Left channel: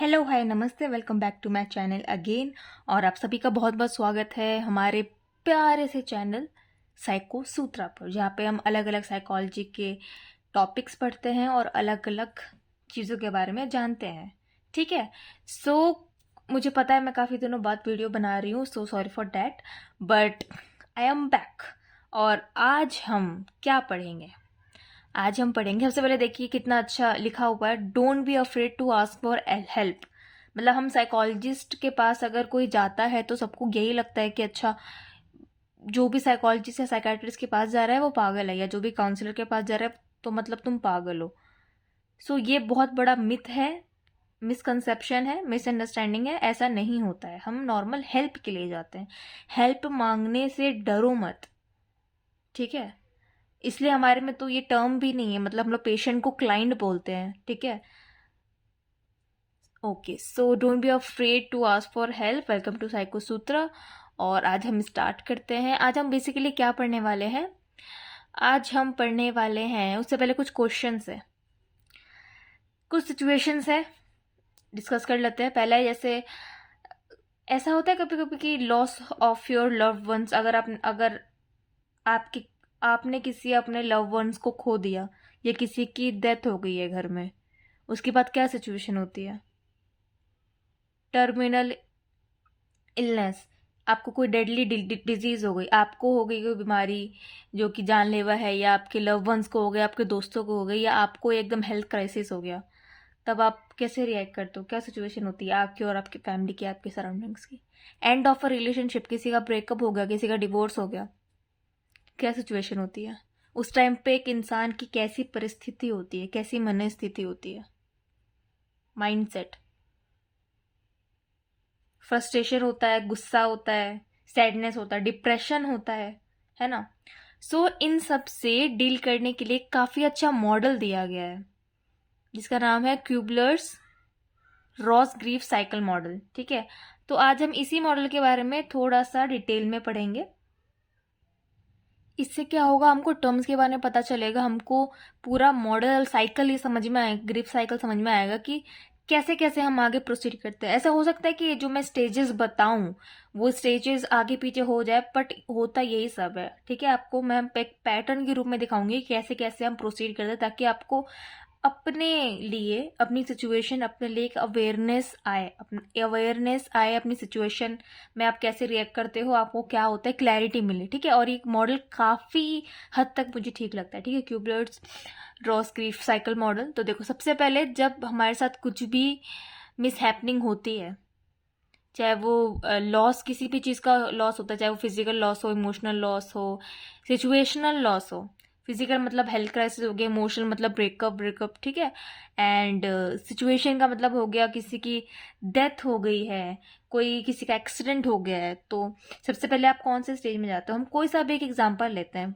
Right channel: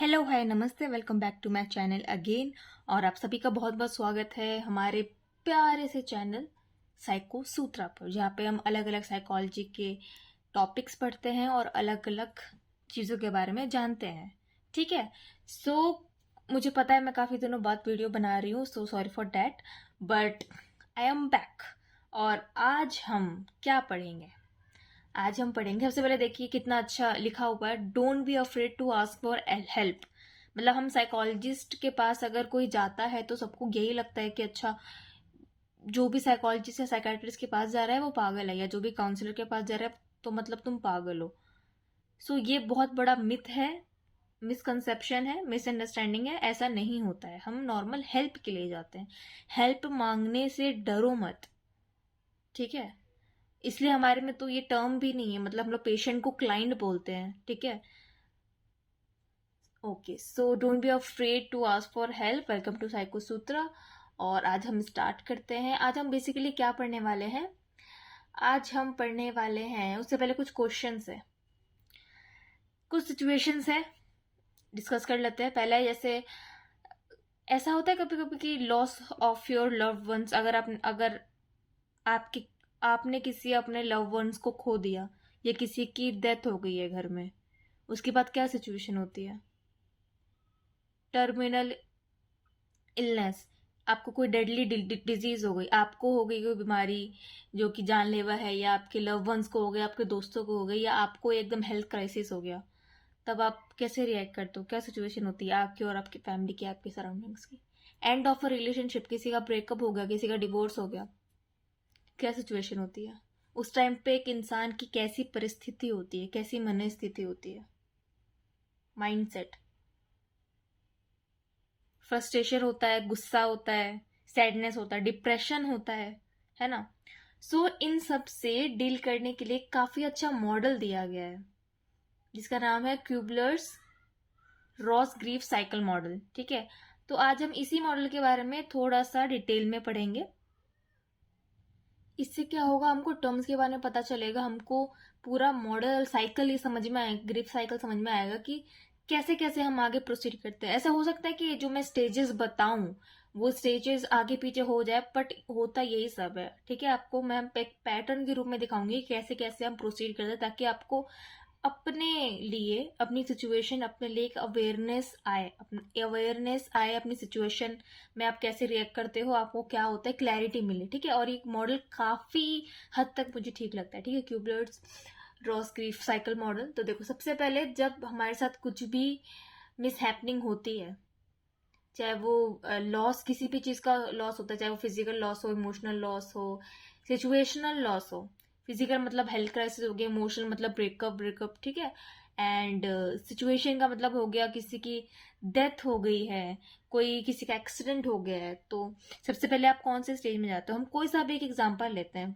Hello hi नमस्ते, welcome back to my channel again. और आप सभी का बहुत बहुत स्वागत है हमारे प्यारे से चैनल साइको सूत्रा पर, जहाँ पे हम अलग अलग साइकोलॉजी के टॉपिक्स पढ़ते हैं और अलग अलग चीज़ों के बारे में जानते हैं। ठीक है। मुझे पता है मैं काफ़ी दिनों बाद वीडियो बना रही हूँ, so sorry for that, but I am back. और आज हम क्या पढ़ेंगे? आज हम पढ़ेंगे, सबसे पहले देखिए कितना अच्छा लिखा हुआ है, don't be afraid to ask for help. मतलब हम साइकोलॉजिस्ट के पास अगर कोई जाता है तो सबको यही लगता है कि अच्छा, जो भी साइकोलॉजिस्ट या साइकाट्रिस्ट के पास जा रहा है वो पागल है, या जो भी काउंसलर के पास जा रहा है तो मतलब तुम पागल हो। ये बहुत बड़ा मिथ है, मिसकंसेप्शन है, मिसअंडरस्टैंडिंग है। ऐसा नहीं होता है, हम नॉर्मल हेल्प के लिए जाते हैं। हेल्प मांगने से डरो मत, ठीक है। इसलिए हमारे में तो ये टर्म भी नहीं है, मतलब हम लोग पेशेंट को क्लाइंट बोलते हैं, ठीक है। Okay, so don't be afraid to ask for help. Welcome to Psycho Sutra. और आज हम स्टार्ट करते हैं। आज हम बेसिकली क्या पढ़ने वाले हैं? आज हम पढ़ने वाले हैं, उससे पहले कुछ क्वेश्चंस है, कुछ सिचुएशंस है, डिस्कस कर लेते हैं। पहला है, जैसे ऐसा होता है कभी कभी कि loss of your loved ones, अगर आपके आपने किसी अपने लव वंस को खो दिया, या किसी की डेथ हो गई है घर में, उसके बाद क्या सिचुएशन होती है? टर्मिनल इलनेस, आपको कोई डेडली डिजीज हो गई, आपको हो गई कोई बीमारी जो कि जानलेवा है, या आपके लव वंस को हो गया, आपके दोस्तों को हो गई, या आपको एकदम हेल्थ क्राइसिस हो गया, तब आप कैसे रिएक्ट करते हो? क्या सिचुएशन होती है आपकी और आपकी फैमिली की, आपके सराउंडिंग्स की? एंड ऑफ अ रिलेशनशिप, किसी का ब्रेकअप हो गया, किसी का डिवोर्स हो गया, क्या सिचुएशन होती है उस टाइम पे? एक इंसान की कैसी परिस्थिति होती है, कैसी मनस्थिति होती है, माइंडसेट? फ्रस्ट्रेशन होता है, गुस्सा होता है, सैडनेस होता है, डिप्रेशन होता है ना। इन सब से डील करने के लिए काफी अच्छा मॉडल दिया गया है, जिसका नाम है क्यूबलर्स रॉस ग्रीफ साइकिल मॉडल, ठीक है। तो आज हम इसी मॉडल के बारे में थोड़ा सा डिटेल में पढ़ेंगे। इससे क्या होगा, हमको टर्म्स के बारे में पता चलेगा, हमको पूरा मॉडल साइकिल ही समझ में आएगा, ग्रिप साइकिल समझ में आएगा कि कैसे कैसे हम आगे प्रोसीड करते हैं। ऐसा हो सकता है कि जो मैं स्टेजेस बताऊं वो स्टेजेस आगे पीछे हो जाए, बट होता यही सब है, ठीक है। आपको मैं एक पैटर्न के रूप में दिखाऊंगी कैसे कैसे हम प्रोसीड करते हैं, ताकि आपको अपने लिए, अपनी सिचुएशन, अपने लिए एक अवेयरनेस आए अपनी सिचुएशन में, आप कैसे रिएक्ट करते हो, आपको क्या होता है, क्लैरिटी मिले, ठीक है। और एक मॉडल काफी हद तक मुझे ठीक लगता है, ठीक है, क्यूबलर्स रॉस ग्रीफ साइकिल मॉडल। तो देखो, सबसे पहले जब हमारे साथ कुछ भी मिस हैपनिंग होती है, चाहे वो लॉस, किसी भी चीज का लॉस होता है, चाहे वो फिजिकल लॉस हो, इमोशनल लॉस हो, सिचुएशनल लॉस हो। फिजिकल मतलब हेल्थ क्राइसिस हो गया, इमोशनल मतलब ब्रेकअप, ठीक है। एंड सिचुएशन का मतलब हो गया किसी की डेथ हो गई है, कोई किसी का एक्सीडेंट हो गया है। तो सबसे पहले आप कौन से स्टेज में जाते हो? हम कोई सा भी एक एग्जांपल लेते हैं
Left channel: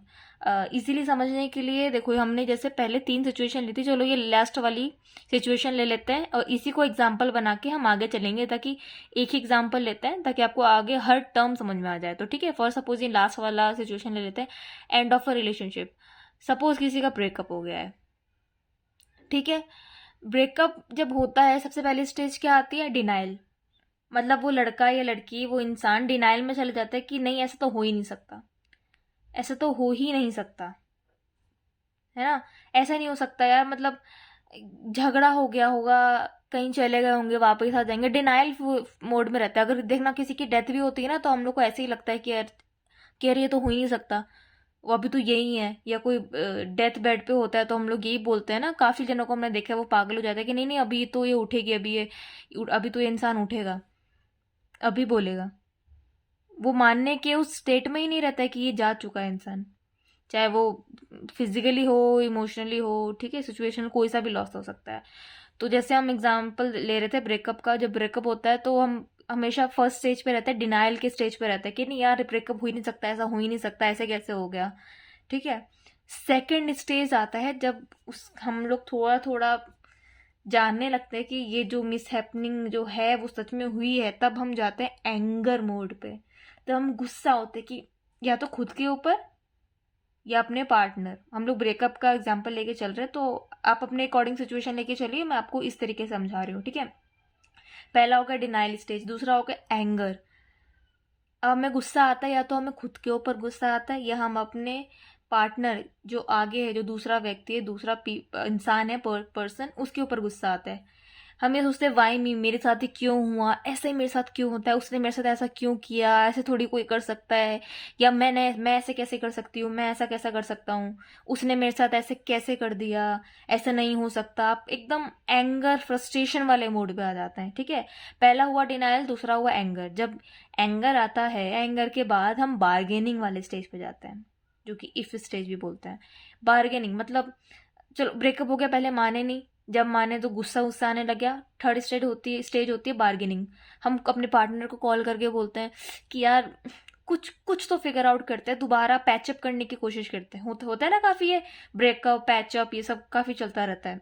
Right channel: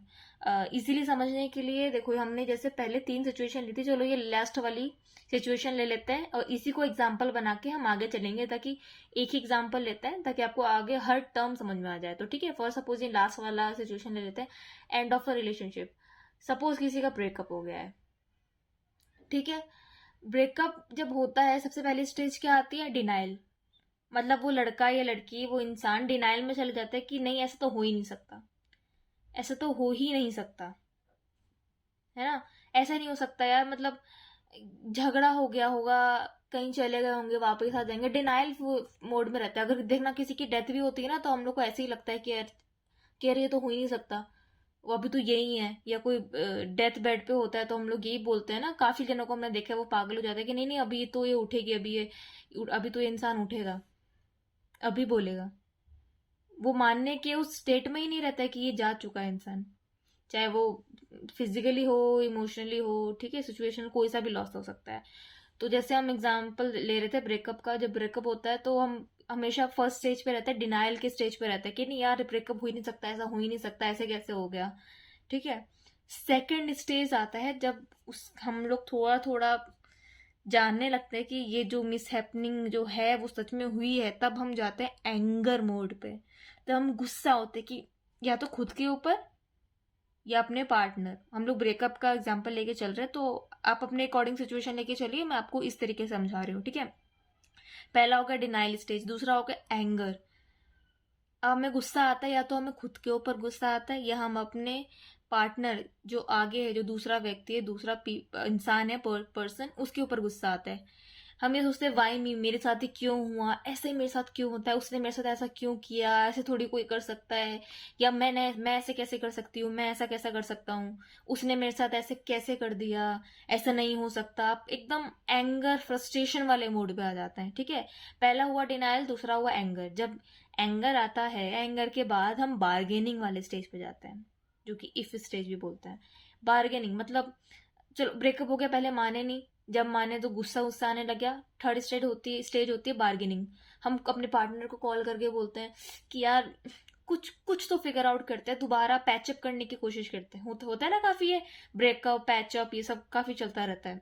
इजीली समझने के लिए। देखो, हमने जैसे पहले 3 सिचुएशन ली थी, चलो ये लास्ट वाली सिचुएशन ले लेते हैं और इसी को एग्जाम्पल बना के हम आगे चलेंगे, ताकि एक ही एग्जाम्पल लेते हैं ताकि आपको आगे हर टर्म समझ में आ जाए। तो ठीक है, फॉर सपोज ये लास्ट वाला सिचुएशन ले लेते हैं, end of a relationship. Suppose किसी का ब्रेकअप हो गया है, ठीक है। ब्रेकअप जब होता है, सबसे पहली स्टेज क्या आती है? डिनाइल। मतलब वो लड़का या लड़की, वो इंसान डिनाइल में चले जाता है कि नहीं, ऐसा तो हो ही नहीं सकता, ऐसा तो हो ही नहीं सकता, है ना। ऐसा नहीं हो सकता यार, मतलब झगड़ा हो गया होगा, कहीं चले गए होंगे, वापस आ जाएंगे, डिनाइल मोड में रहता है। अगर देखना किसी की डेथ भी होती है ना, तो हम लोग को ऐसे ही लगता है कि यार ये तो हो ही नहीं सकता, वो अभी तो यही है। या कोई डेथ बेड पे होता है तो हम लोग यही बोलते हैं ना, काफी जनों को हमने देखा है, वो पागल हो जाता है कि नहीं नहीं, अभी तो ये उठेगी, अभी तो ये इंसान उठेगा, अभी बोलेगा। वो मानने के उस स्टेट में ही नहीं रहता है कि ये जा चुका है इंसान, चाहे वो फिजिकली हो, इमोशनली हो, ठीक है। सिचुएशन कोई सा भी लॉस हो सकता है। तो जैसे हम एग्जाम्पल ले रहे थे ब्रेकअप का, जब ब्रेकअप होता है तो हम हमेशा फर्स्ट स्टेज पे रहते हैं, डिनाइल के स्टेज पे रहते हैं कि नहीं यार, ब्रेकअप हो ही नहीं सकता, ऐसा हो ही नहीं सकता, ऐसे कैसे हो गया, ठीक है। सेकेंड स्टेज आता है जब हम लोग थोड़ा थोड़ा जानने लगते हैं कि ये जो मिस हैपनिंग जो है वो सच में हुई है, तब हम जाते हैं एंगर मोड पे। तब हम गुस्सा होते हैं कि या तो खुद के ऊपर या अपने पार्टनर। हम लोग ब्रेकअप का एग्जाम्पल लेके चल रहे हैं, तो आप अपने अकॉर्डिंग सिचुएशन लेके चलिए, मैं आपको इस तरीके से समझा रही हूँ, ठीक है। पहला हो गया डिनाइल स्टेज, दूसरा हो गया एंगर। अब हमें गुस्सा आता है, या तो हमें खुद के ऊपर गुस्सा आता है, या हम अपने पार्टनर जो आगे है, जो दूसरा व्यक्ति है, दूसरा इंसान है, पर्सन, उसके ऊपर गुस्सा आता है। हम ये सोचते हैं वाई मी, मेरे साथ ही क्यों हुआ, ऐसे मेरे साथ क्यों होता है, उसने मेरे साथ ऐसा क्यों किया, ऐसे थोड़ी कोई कर सकता है, या मैं ऐसे कैसे कर सकती हूँ, मैं ऐसा कैसा कर सकता हूँ, उसने मेरे साथ ऐसे कैसे कर दिया, ऐसा नहीं हो सकता। आप एकदम एंगर, फ्रस्ट्रेशन वाले मोड पे आ जाते हैं, ठीक है। पहला हुआ डिनाइल, दूसरा हुआ एंगर। जब एंगर आता है, एंगर के बाद हम बार्गेनिंग वाले स्टेज पे जाते हैं, जो कि इफ स्टेज भी बोलते हैं। बार्गेनिंग मतलब, चलो ब्रेकअप हो गया, पहले माने नहीं, जब माने तो गुस्सा गुस्सा आने लग गया। थर्ड स्टेज होती है बार्गेनिंग। हम अपने पार्टनर को कॉल करके बोलते हैं कि यार कुछ कुछ तो फिगर आउट करते हैं, दोबारा पैचअप करने की कोशिश करते हैं। होता है ना काफी, ये ब्रेकअप पैचअप ये सब काफी चलता रहता है।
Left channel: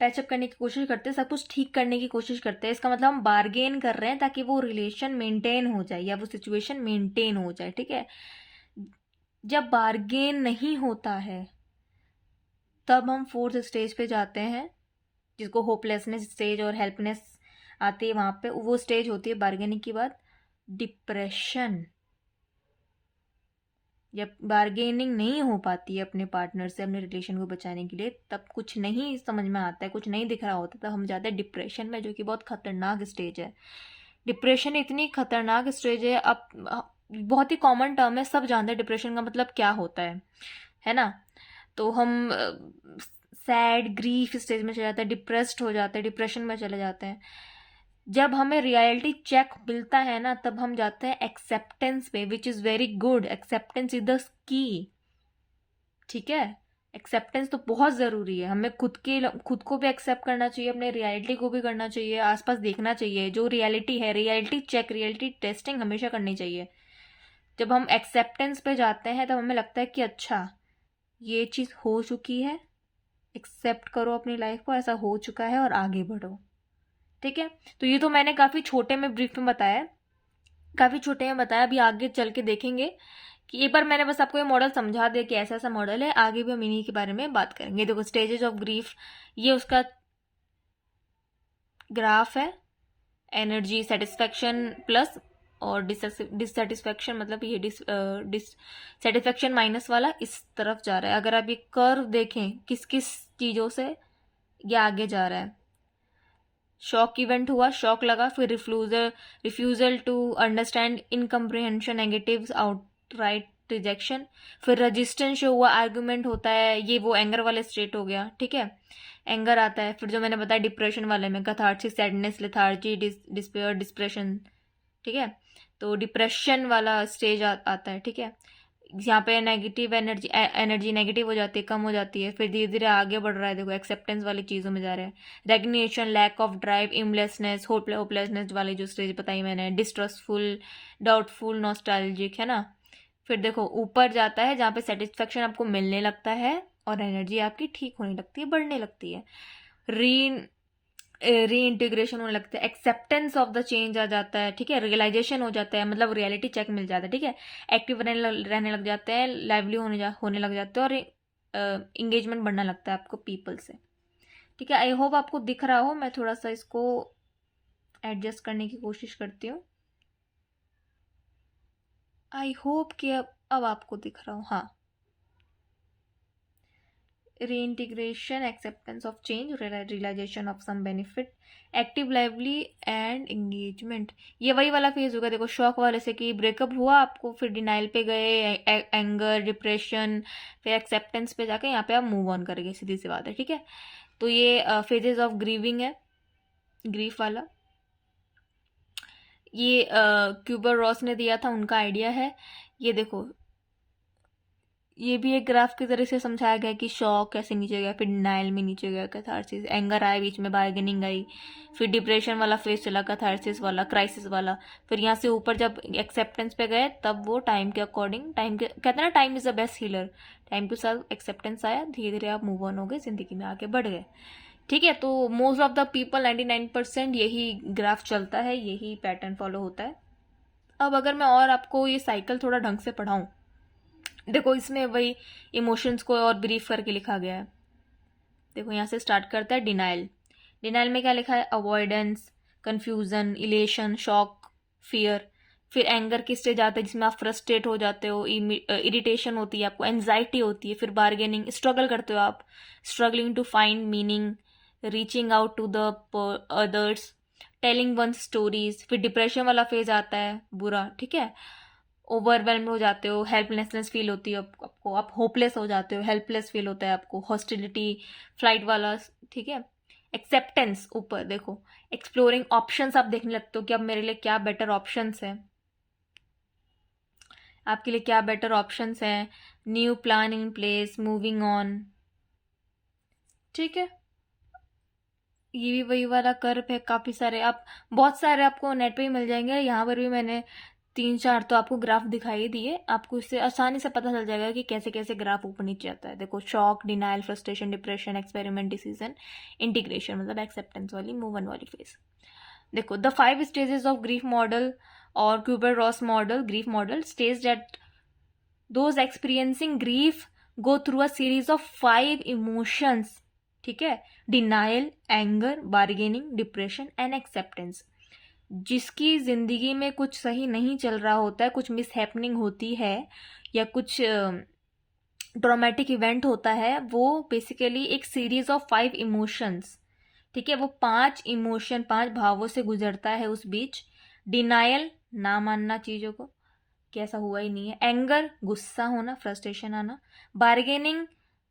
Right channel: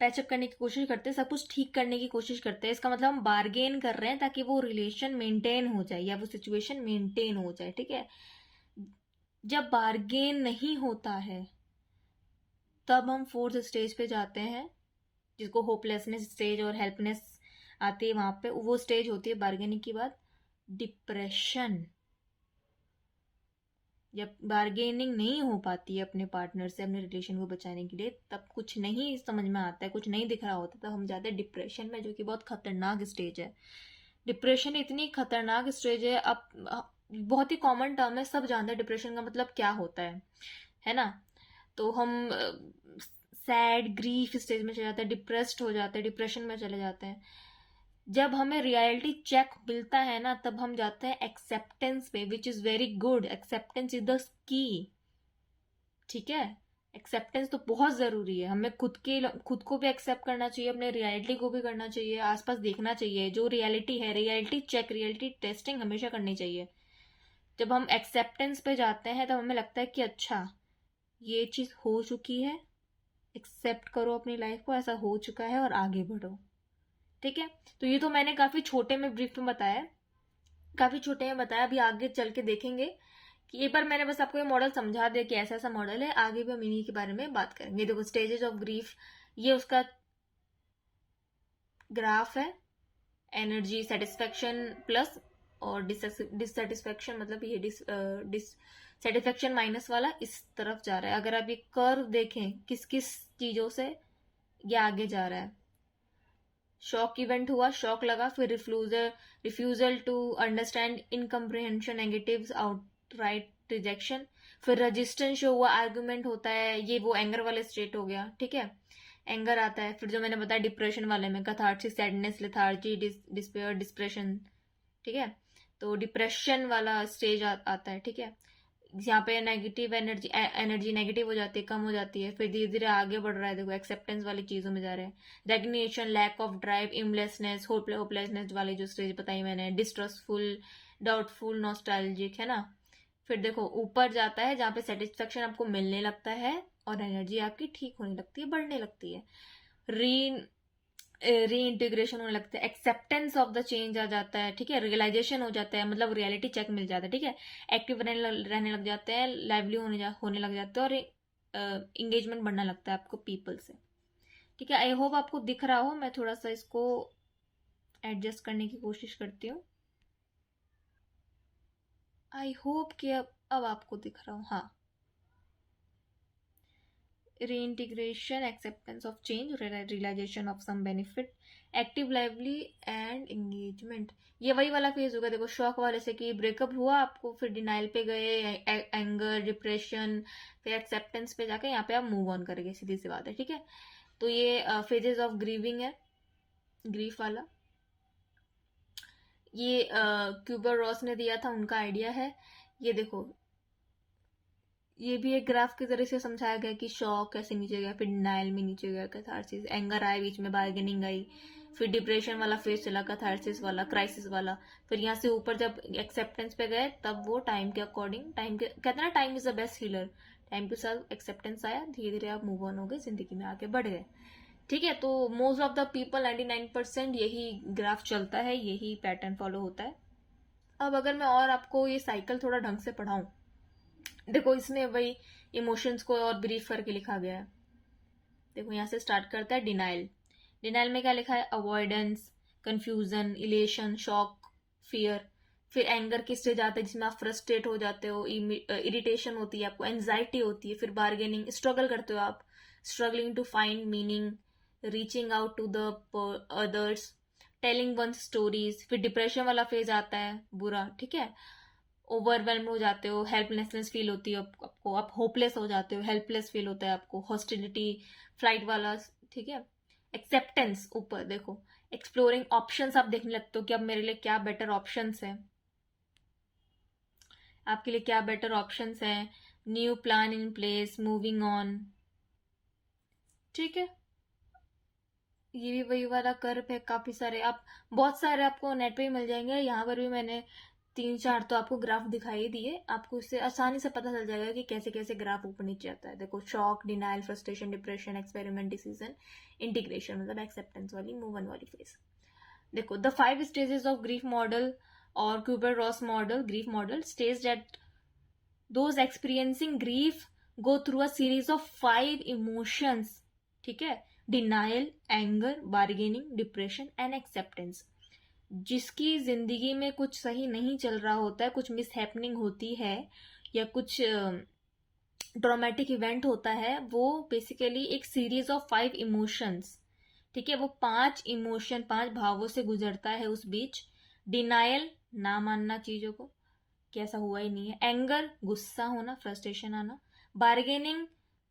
पैचअप करने की कोशिश करते हैं, सब कुछ ठीक करने की कोशिश करते हैं। इसका मतलब हम बार्गेन कर रहे हैं ताकि वो रिलेशन मेंटेन हो जाए, या वो सिचुएशन मेंटेन हो जाए, ठीक है। जब बार्गेन नहीं होता है, तब हम फोर्थ स्टेज पे जाते हैं, जिसको होपलेसनेस स्टेज और हेल्पनेस आती है। वहां पे वो स्टेज होती है बार्गेनिंग के बाद डिप्रेशन। जब बार्गेनिंग नहीं हो पाती है अपने पार्टनर से, अपने रिलेशन को बचाने के लिए, तब कुछ नहीं समझ में आता है, कुछ नहीं दिख रहा होता, तब हम जाते हैं डिप्रेशन में, जो कि बहुत खतरनाक स्टेज है। डिप्रेशन इतनी खतरनाक स्टेज है, अब बहुत ही कॉमन टर्म है, सब जानते हैं डिप्रेशन का मतलब क्या होता है ना। तो हम सैड, ग्रीफ स्टेज में चले जाते हैं, डिप्रेस्ड हो जाते हैं, डिप्रेशन में चले जाते हैं। जब हमें रियलिटी चेक मिलता है ना, तब हम जाते हैं एक्सेप्टेंस पे, which is very good. Acceptance is the key, ठीक है। एक्सेप्टेंस तो बहुत जरूरी है। हमें खुद को भी एक्सेप्ट करना चाहिए, अपने रियलिटी को भी करना चाहिए, आसपास देखना चाहिए जो रियलिटी है। रियलिटी चेक, रियलिटी टेस्टिंग हमेशा करनी चाहिए। जब हम एक्सेप्टेंस पे जाते हैं, तब हमें लगता है कि अच्छा ये चीज हो चुकी है, एक्सेप्ट करो अपनी लाइफ को, ऐसा हो चुका है और आगे बढ़ो, ठीक है। तो ये तो मैंने काफी छोटे में ब्रीफ में बताया, काफी छोटे में बताया। अभी आगे चल के देखेंगे कि एक बार मैंने बस आपको ये मॉडल समझा दिया कि ऐसा ऐसा मॉडल है, आगे भी हम इन्हीं के बारे में बात करेंगे। देखो स्टेजेस ऑफ ग्रीफ, ये उसका ग्राफ है। एनर्जी, सेटिस्फेक्शन प्लस, और डिससेटिस्फेक्शन, मतलब ये डिससेटिस्फेक्शन माइनस वाला इस तरफ जा रहा है। अगर आप ये कर्व देखें, किस किस चीजों से ये आगे जा रहा है। शॉक इवेंट हुआ, शॉक लगा, फिर refusal to understand, incomprehension, negatives, outright rejection, फिर रेजिस्टेंस शो हुआ, आर्ग्यूमेंट होता है। ये वो एंगर वाले स्टेट हो गया, ठीक है। एंगर आता है, फिर जो मैंने बताया डिप्रेशन वाले में catharsis, sadness, lethargy, despair, depression, ठीक है। तो डिप्रेशन वाला स्टेज आता है, ठीक है। यहाँ पे नेगेटिव एनर्जी नेगेटिव हो जाती है, कम हो जाती है, फिर धीरे धीरे आगे बढ़ रहा है। देखो एक्सेप्टेंस वाली चीजों में जा रहा है। रेगनेशन, लैक ऑफ ड्राइव, इमलेसनेस, होपलेसनेस वाली जो स्टेज बताई मैंने, डिस्ट्रस्टफुल, डाउटफुल, नॉस्टैल्जिक, है ना। फिर देखो ऊपर जाता है जहाँ पे सेटिस्फेक्शन आपको मिलने लगता है और एनर्जी आपकी ठीक होने लगती है, बढ़ने लगती है। रीइंटीग्रेशन होने लगता है, एक्सेप्टेंस ऑफ द चेंज आ जाता है, ठीक है। रियलाइजेशन हो जाता है, मतलब रियलिटी चेक मिल जाता है, ठीक है। एक्टिव रहने लग जाते हैं, लाइवली होने लग जाते हैं, और इंगेजमेंट बढ़ने लगता है आपको पीपल से, ठीक है। आई होप आपको दिख रहा हो, मैं थोड़ा सा इसको एडजस्ट करने की कोशिश करती हूँ। आई होप कि अब आपको दिख रहा हो, हाँ। reintegration, acceptance of change, realization of some benefit, active, lively and engagement. ये वही वाला फेज होगा। देखो शॉक वाले से कि ब्रेकअप हुआ आपको, फिर डिनाइल पे गए, एंगर, डिप्रेशन, फिर एक्सेप्टेंस पे जाके यहाँ पे आप मूव ऑन करेंगे, सीधी सी बात है, ठीक है। तो ये फेजेस ऑफ ग्रीविंग है, ग्रीफ वाला। ये क्यूबर रॉस ने दिया था, उनका आइडिया है। ये देखो ये भी एक ग्राफ की तरह से समझाया गया कि शॉक कैसे नीचे गया, फिर डिनाइल में नीचे गया, कैथारसिस, एंगर आया, बीच में बार्गेनिंग आई, फिर डिप्रेशन वाला फेज चला, कैथारसिस वाला, क्राइसिस वाला, फिर यहाँ से ऊपर जब एक्सेप्टेंस पे गए, तब वो टाइम के अकॉर्डिंग, टाइम के कहते हैं ना time is the best healer, time के साथ एक्सेप्टेंस आया, धीरे धीरे आप मूव ऑन हो गए, जिंदगी में आगे बढ़ गए, ठीक है। तो मोस्ट ऑफ द पीपल 99% यही ग्राफ चलता है, यही पैटर्न फॉलो होता है। अब अगर मैं और आपको ये साइकिल थोड़ा ढंग से पढ़ाऊं, देखो इसमें वही इमोशंस को और ब्रीफ करके लिखा गया है। देखो यहाँ से स्टार्ट करता है डिनाइल। डिनाइल में क्या लिखा है, avoidance, confusion, elation, shock, fear. फिर एंगर की स्टेज आता है जिसमें आप फ्रस्ट्रेट हो जाते हो, इरिटेशन होती है आपको, एंजाइटी होती है। फिर बार्गेनिंग, स्ट्रगल करते हो आप, struggling to find meaning, reaching out to the others, telling one stories. फिर डिप्रेशन वाला फेज आता है, बुरा, ठीक है। ओवरवेल्म हो जाते हो, हेल्पलेसनेस फील होती है आपको, आप होपलेस हो जाते हो, हेल्पलेस फील होता है आपको, हॉस्टिलिटी, फ्लाइट वाला, ठीक है। एक्सेप्टेंस, ऊपर देखो, एक्सप्लोरिंग ऑप्शंस, आप देखने लगते हो कि अब मेरे लिए क्या बेटर ऑप्शंस है, आपके लिए क्या बेटर ऑप्शंस हैं। New plan in place, moving on, ठीक है। ये भी वही वाला कर्व है, काफ़ी सारे आप, बहुत सारे आपको नेट पे ही मिल जाएंगे। यहाँ पर भी मैंने 3-4 तो आपको ग्राफ दिखाई दिए, आपको इससे आसानी से पता चल जाएगा कि कैसे कैसे ग्राफ ऊपर नीचे आता है। देखो, shock, denial, frustration, depression, experiment, decision, integration, मतलब एक्सेप्टेंस वाली, मूव ऑन वाली फेज। देखो, the 5 stages of grief model और Kubler Ross model, grief model stage that those experiencing grief go through a series of 5 emotions, ठीक है। Denial, anger, bargaining, depression and acceptance. जिसकी जिंदगी में कुछ सही नहीं चल रहा होता है, कुछ मिस हैपनिंग होती है या कुछ ट्रॉमेटिक इवेंट होता है, वो बेसिकली एक सीरीज ऑफ 5 इमोशंस, ठीक है। वो 5 इमोशन, 5 भावों से गुजरता है उस बीच। डिनाइल, ना मानना चीजों को कि ऐसा हुआ ही नहीं है। एंगर, गुस्सा होना, फ्रस्ट्रेशन आना। बार्गेनिंग,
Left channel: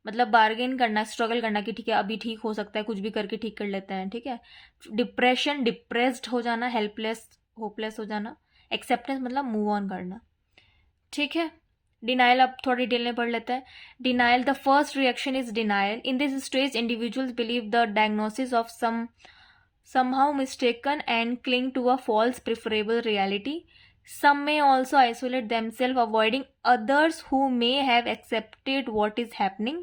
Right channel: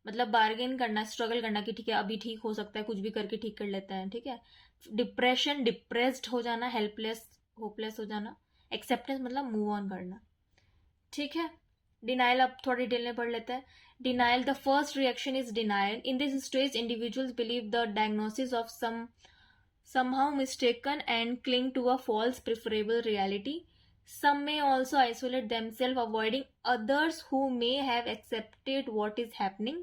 मतलब बार्गेन करना, स्ट्रगल करना कि ठीक है अभी ठीक हो सकता है, कुछ भी करके ठीक कर लेते हैं, ठीक है। डिप्रेशन, डिप्रेस्ड हो जाना, हेल्पलेस, होपलेस हो जाना। एक्सेप्टेंस मतलब मूव ऑन करना, ठीक है। डिनाइल अब थोड़ा डिटेल में पढ़ लेते हैं। Denial, the first reaction is denial. In this stage individuals believe the diagnosis of somehow mistaken and cling to a false preferable reality. Some may also isolate themselves, avoiding others who may have accepted what is happening.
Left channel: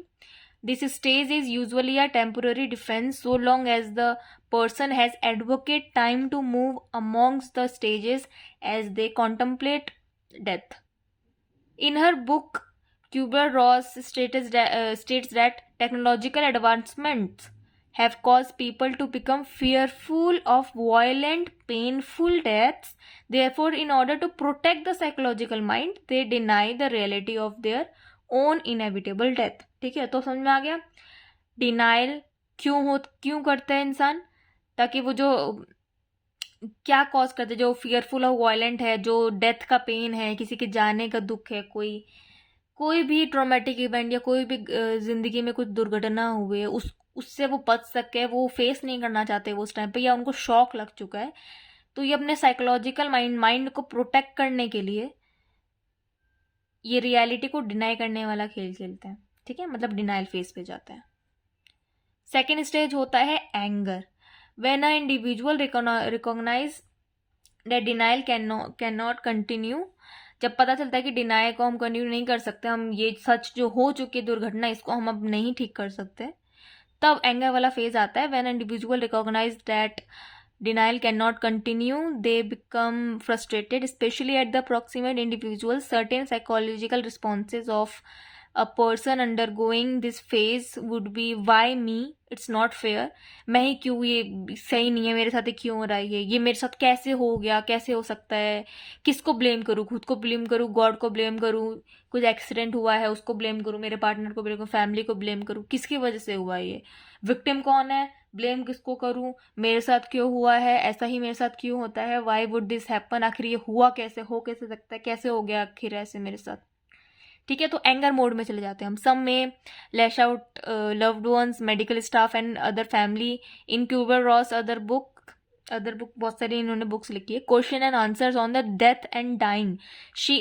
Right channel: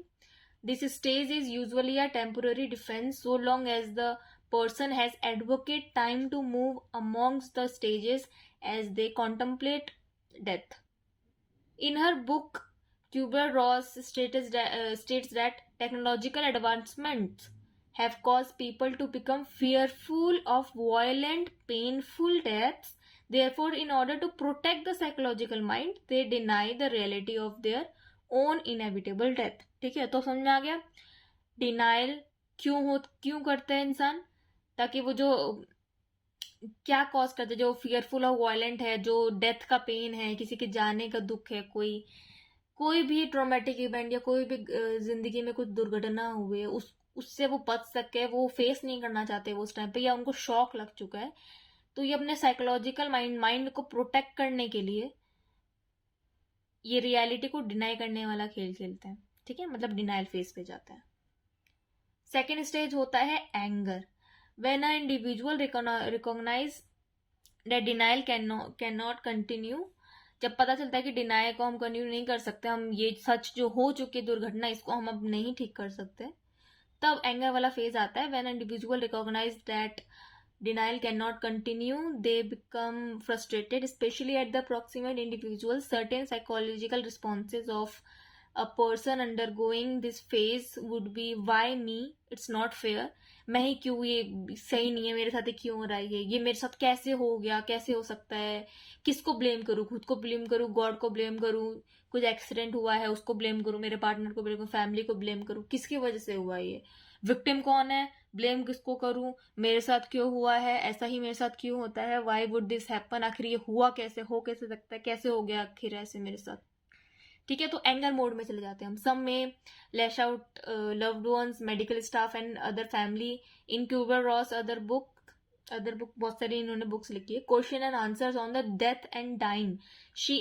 This stage is usually a temporary defense so long as the person has adequate time to move amongst the stages as they contemplate death. In her book, Kubler-Ross states that technological advancements have caused people to become fearful of violent, painful deaths. Therefore, in order to protect the psychological mind, they deny the reality of their own inevitable death. ठीक है, तो समझ में आ गया। Denial क्यों करते हैं इंसान, ताकि वो जो क्या कॉज करते हैं, जो फियरफुल और वायलेंट है, जो डेथ का पेन है, किसी के जाने का दुख है, कोई भी ट्रॉमेटिक इवेंट या कोई भी जिंदगी में कुछ दुर्घटना हुई है, उससे वो बच सके, वो फेस नहीं करना चाहते वो उस टाइम पे, या उनको शॉक लग चुका है, तो ये अपने साइकोलॉजिकल माइंड को प्रोटेक्ट करने के लिए ये रियलिटी को डिनाई करने वाला खेल खेलते हैं, ठीक है। मतलब डिनाइल फेस पे जाते हैं। सेकेंड स्टेज होता है anger. When a individual recognise that denial can not continue, जब पता चलता है कि डिनाइल को हम कंटिन्यू नहीं कर सकते, हम ये सच जो हो चुकी है दुर्घटना, इसको हम अब नहीं ठीक कर सकते, तब एंगर वाला फेज आता है। When individual recognise that denial cannot continue, they become frustrated, especially at the proximate individuals. Certain psychological responses of a person undergoing this phase would be why me, it's not fair, मैं ही क्यों, ये सही नहीं है, मेरे साथ क्यों हो रहा है, ये मेरे साथ कैसे हो गया, कैसे हो सकता है, किसको ब्लेम करूँ, खुद को ब्लेम करूँ, गॉड को ब्लेम करूँ, कुछ एक्सीडेंट हुआ है उसको ब्लेम करूँ, मेरे पार्टनर को ब्लेम करूँ, फैमिली को ब्लेम करूँ, किसकी वजह से हुआ ये, विक्टिम कौन है, ब्लेम किसको करूं, मेरे साथ क्यों हुआ है, ऐसा ही मेरे साथ क्यों होता है, वाई वुड दिस हैपन, आखिर ये हुआ कैसे, हो कैसे सकता है, कैसे हो गया आखिर ऐसे मेरे साथ, ठीक है। तो एंगर मोड में चले जाते हैं हम। सम में lash out loved ones, medical staff and other family. इन क्यूबर रॉस अदर बुक बहुत सारी इन्होंने बुक्स लिखी है। Question and answers on the death and dying, she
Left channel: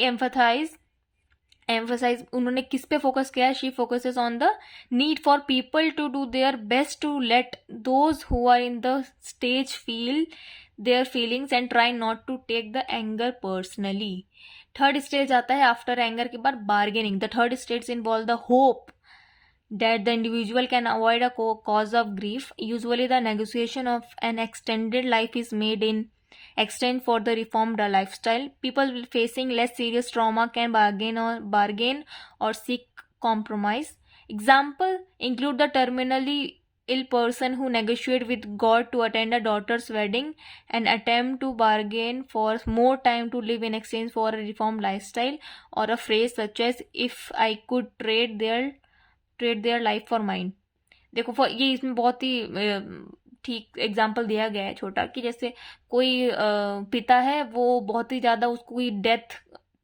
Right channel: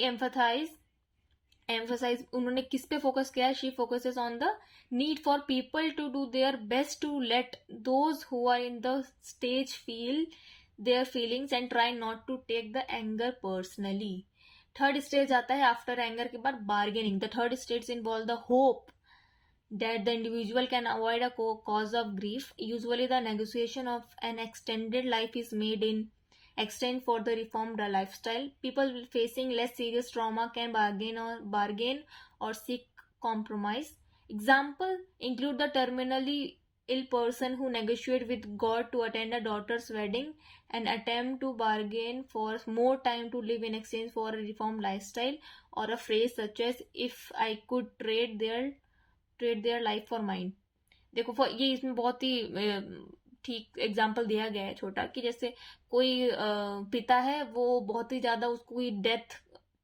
emphasise उन्होंने किस पे फोकस किया है, she focuses on the need for people to do their best to let those who are in the stage feel their feelings and try not to take the anger personally. Third stage आता है after anger के बाद, bargaining. The third stage involve the hope that the individual can avoid a cause of grief. Usually the negotiation of an extended life is made in exchange for the reformed lifestyle. People facing less serious trauma can bargain or seek compromise. Example include the terminally ill person who negotiate with God to attend a daughter's wedding and attempt to bargain for more time to live in exchange for a reformed lifestyle, or a phrase such as if I could trade their life for mine. देखो ये इसमें बहुत ही ठीक example दिया गया है छोटा, कि जैसे कोई पिता है, वो बहुत ही ज़्यादा, उसको कोई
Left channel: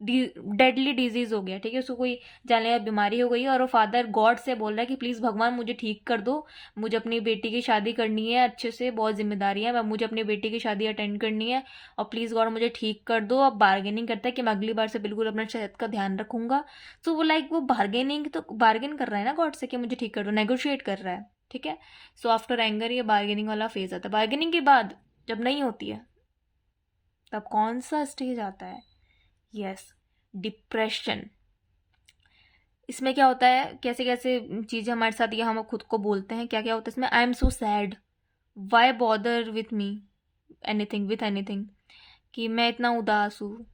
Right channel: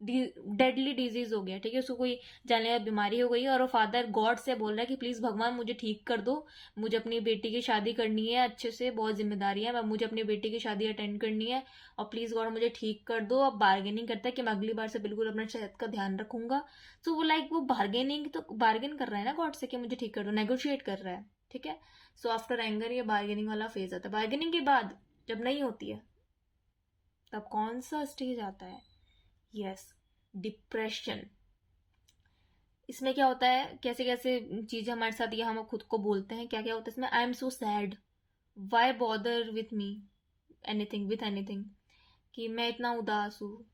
डेडली डिजीज हो गया, ठीक है, उसको कोई जानलेवा बीमारी हो गई है, और वो फादर गॉड से बोल रहा है कि प्लीज़ भगवान मुझे ठीक कर दो, मुझे अपनी बेटी की शादी करनी है अच्छे से, बहुत जिम्मेदारी है, मुझे अपनी बेटी की शादी अटेंड करनी है, और प्लीज़ गॉड मुझे ठीक कर दो। अब बार्गेनिंग करता है कि मैं अगली बार से बिल्कुल अपना सेहत का ध्यान रखूंगा। तो वो वो बार्गेन कर रहा है ना गॉड से कि मुझे ठीक कर दो, नेगोशिएट कर रहा है, ठीक है। सो आफ्टर एंगर ये बार्गेनिंग वाला फेज आता है। बार्गेनिंग के बाद जब नहीं होती है, तब कौन सा स्टेज आता है? Yes, depression. इसमें क्या होता है, कैसे कैसे चीज़ें हमारे साथ ये हम खुद को बोलते हैं, क्या क्या होता है इसमें? I am so sad, why bother with me anything, कि मैं इतना उदास हूँ,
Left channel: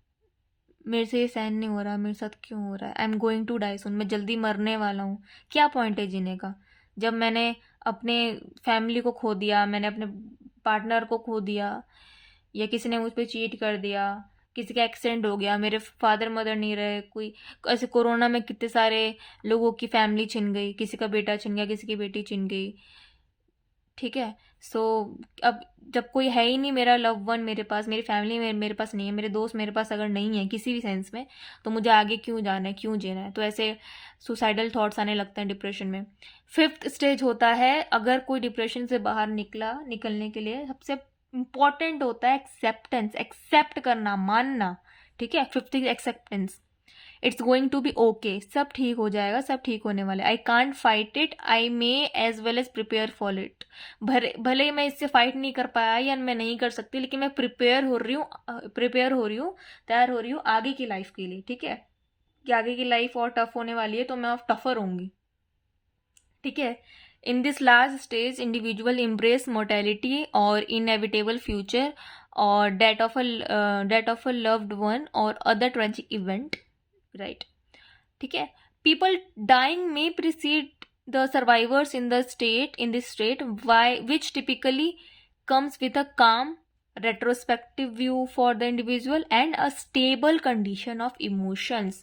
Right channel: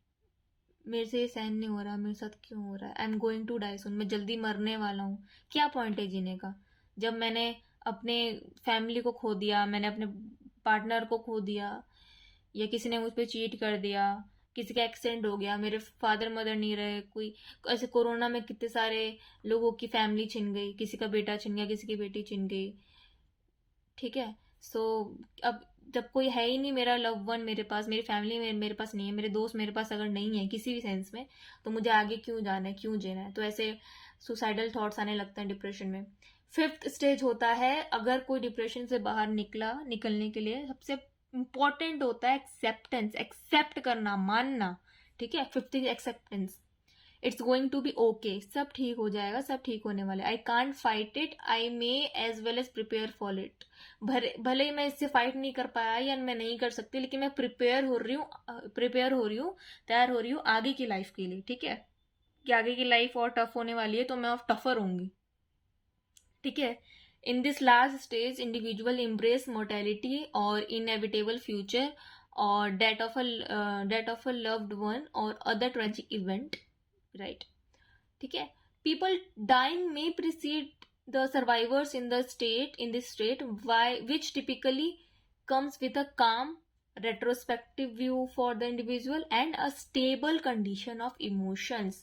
मेरे से ये सहन नहीं हो रहा, मेरे साथ क्यों हो रहा है, I am going to die soon, मैं जल्दी मरने वाला हूँ। क्या पॉइंट है जीने का, जब मैंने अपने फैमिली को खो दिया, मैंने अपने पार्टनर को खो दिया, या किसी ने मुझ पर चीट कर दिया, किसी का एक्सीडेंट हो गया, मेरे फादर मदर नहीं रहे, कोई ऐसे कोरोना में कितने सारे लोगों की फैमिली छिन गई, किसी का बेटा छिन गया, किसी की बेटी छिन गई, ठीक है। सो अब जब कोई है ही नहीं मेरा लव वन मेरे पास, मेरी फैमिली मेरे पास नहीं है, मेरे दोस्त मेरे पास अगर नहीं है किसी भी सेंस में, तो मुझे आगे क्यों जाना है, क्यों जीना है? तो ऐसे सुसाइडल थॉट्स आने लगते हैं डिप्रेशन में। फिफ्थ स्टेज होता है, अगर कोई डिप्रेशन से बाहर निकलने के लिए सबसे इंपॉर्टेंट होता है एक्सेप्टेंस, एक्सेप्ट करना, मानना, ठीक है। Fifth is acceptance. It's going to be okay, सब ठीक हो जाएगा, सब ठीक होने वाला है। I can't fight it, I may as well as prepare for it. भले ही मैं इससे फाइट नहीं कर पाया या मैं नहीं कर सकती, लेकिन मैं प्रिपेयर हो रही हूँ, तैयार हो रही हूँ आगे की लाइफ के लिए, ठीक है, कि आगे की लाइफ और टफ होने वाली है, तो मैं और टफर होंगी, ठीक है। In this last stage individual embrace mortality और इनएविटेबल फ्यूचर और death of a loved one और अदर ट्रेजिक इवेंट, राइट, ठीक है। People dying may precede the survivors in this state which typically comes with a calm retrospective view for the individual and a stable condition of emotions,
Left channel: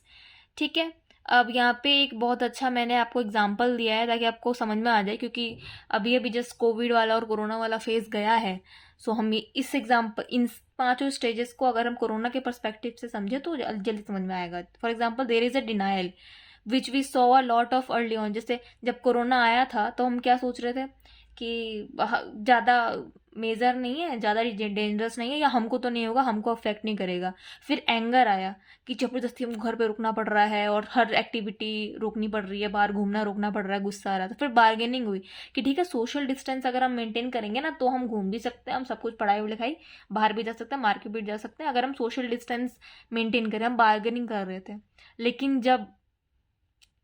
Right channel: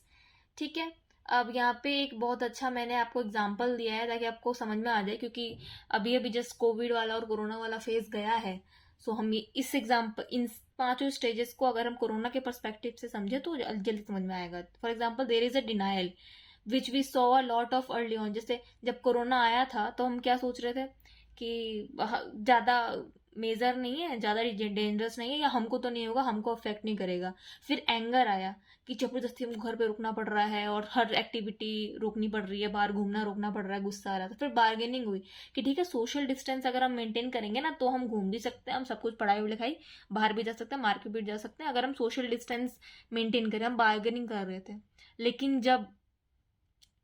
ठीक है। अब यहाँ पे एक बहुत अच्छा मैंने आपको एग्जाम्पल दिया है ताकि आपको समझ में आ जाए, क्योंकि अभी जस्ट कोविड वाला और कोरोना वाला फेज गया है। सो हम इस एग्जाम्पल, इन 5 स्टेजेस को अगर हम कोरोना के पर्सपेक्टिव से समझे तो जल्दी समझ में आएगा। For example, there is a denial which we saw a lot of early on. जैसे जब कोरोना आया था तो हम क्या सोच रहे थे कि ज़्यादा मेजर नहीं है, ज़्यादा डेंजरस नहीं है, या हमको तो नहीं होगा, हमको अफेक्ट नहीं करेगा। फिर एंगर आया कि जबरदस्ती हमको घर पे रुकना पड़ रहा है और हर एक्टिविटी रोकनी पड़ रही है, बाहर घूमना रोकना पड़ रहा है, गुस्सा आ रहा है। तो फिर बार्गेनिंग हुई कि ठीक है, सोशल डिस्टेंस अगर हम मेंटेन करेंगे ना, तो हम घूम भी सकते हैं, हम सब कुछ पढ़ाई लिखाई बाहर भी जा सकते हैं, मार्केट भी जा सकते हैं, अगर हम सोशल डिस्टेंस मेंटेन करें। हम बार्गेनिंग कर रहे थे, लेकिन जब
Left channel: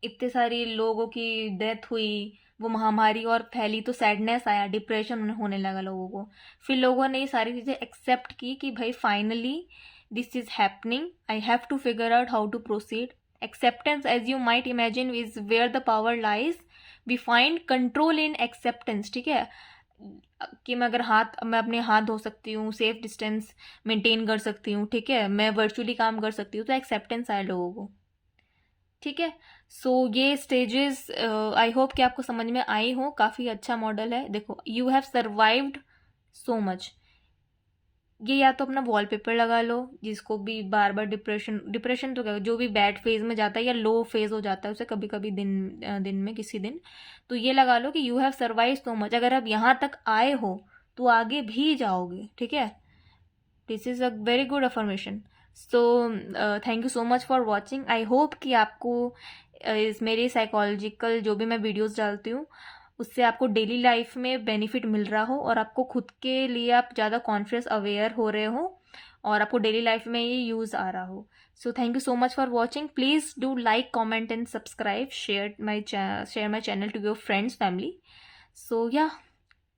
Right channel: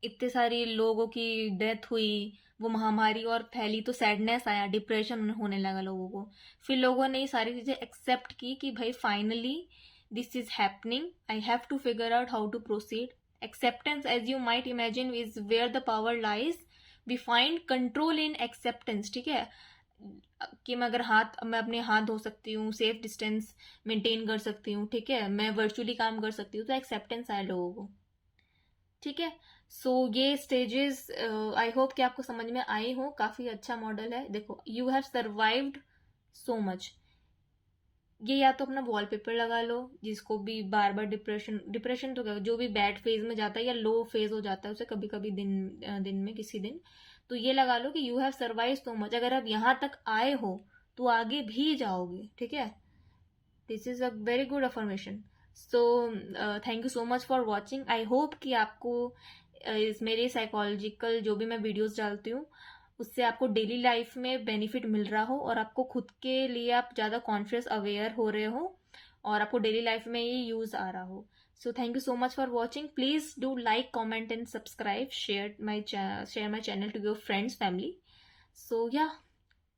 इतने सारे लोगों की डेथ हुई, वो महामारी और फैली, तो सैडनेस आया, डिप्रेशन होने लगा लोगों को। फिर लोगों ने ये सारी चीज़ें एक्सेप्ट की कि भाई finally this is happening, I have to figure out how to proceed. Acceptance, as you might imagine, is where the power lies. We find control in acceptance, ठीक है, कि मैं अपने हाथ धो सकती हूँ, सेफ डिस्टेंस मेंटेन कर सकती हूँ, ठीक है, मैं वर्चुअली काम कर सकती हूँ, तो एक्सेप्टेंस आया लोगों को, ठीक है। सो ये स्टेजेस आई होप कि आपको समझ में आई हो। काफ़ी अच्छा मॉडल है। देखो, you have survived so much. ये या तो अपना वॉलपेपर लगा लो, जिसको भी बार बार डिप्रेशन तो क्या, जो भी बैड फेज में जाता है या लो फेज हो जाता है उसे कभी कभी दिन में किसी दिन, तो ये लगा लो कि you have survive so much. अगर आप यहाँ तक आए हो तो आगे भी जाओगे, ठीक है। This is a very good affirmation. So thank you so much for watching. I hope कि आपको इस मेरी साइकोलॉजिकल जो भी मैं वीडियोस डालती हूँ उससे आपको डेली लाइफ में बेनिफिट मिल रहा हो, और आपको खुद के लिए आप ज़्यादा कॉन्शियस अवेयर हो रहे हो, और आपको डेली लाइफ में ये यूज़ आ रहा हो। So thank you so much for watching. Please do like, comment and subscribe, share my channel to your friends, family. So yeah,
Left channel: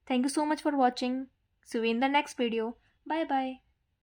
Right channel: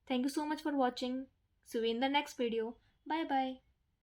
thank you so much for watching. See you in the next video. Bye bye.